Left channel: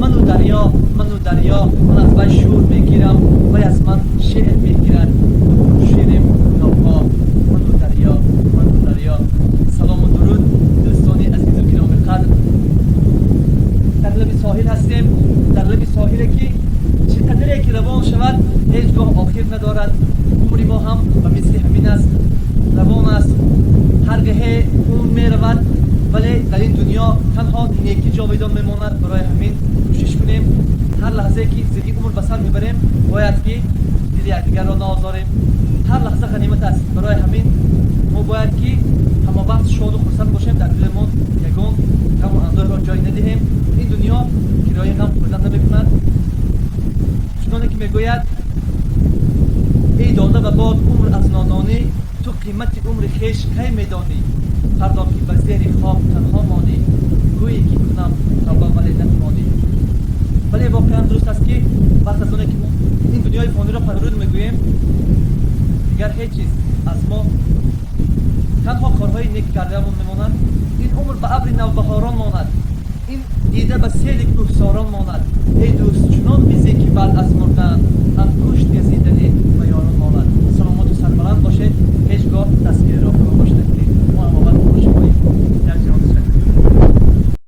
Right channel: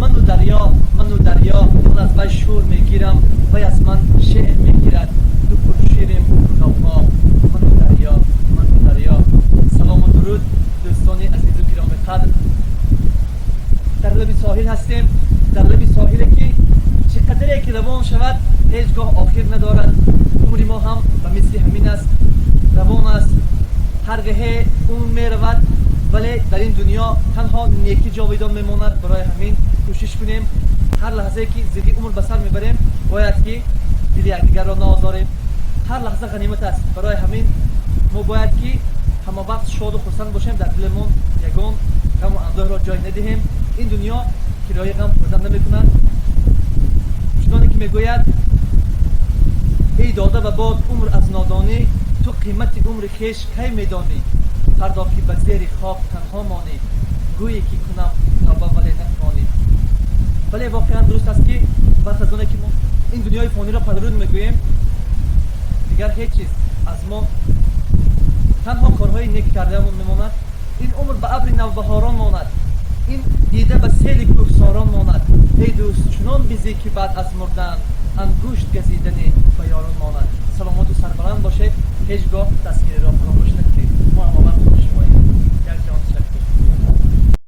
منو دریا من از وی شور میگیرم وی از من شعر میگیرد تو پرشیریم کوتاها منو دریا. سلام و درود دوستان عزیز و گرامی قدر. در لب ساحل هستیم، در لب ساحلی که چقدر که روان شود هیچگاه آخر ندارد. عمر ما هم به مثل همین است، روان است، هر گهی اون می رود، ولی در این دنیا تنها نیکی جاویدان میماند. برای همین کوشش کنیم هر لحظه که زندگی عمر به سر میبریم باید که دل یکدیگر را نآزاریم. هر لحظه غنیمت است. برای همین ما باید که همه وقت شاد و خرسند باشیم، در دلمون یگان غم و اندوه را جای ندهیم. این دنیا کرایه غم خوردن نمیکند. چنانه که میگوید ای داده و باد عمر از نادانی، تو قیمت عمر خویش کی میدانی؟ فردا که به زیر خواب تنها مانی، گویی که کنم توبه ولی نتوانی. ولی واقعا درست است که وقت از آنه که ما این دنیای فانی را پدرود میگوییم دیگر هیچ چیز از ما تنها کارهای نیک کرده‌مون میماند. این عمر به ابر نوبهاران ماند، این دیده به سیل کوهساران ماند. ای دوست چنان بیزی که بعد از مردن انگشت گزیدنی به یاران ماند. سلامت و سربلند باشید، هیچگاه دستگیری را فراموش نکنید. ما همه خوش باشیم. یک جان شکر.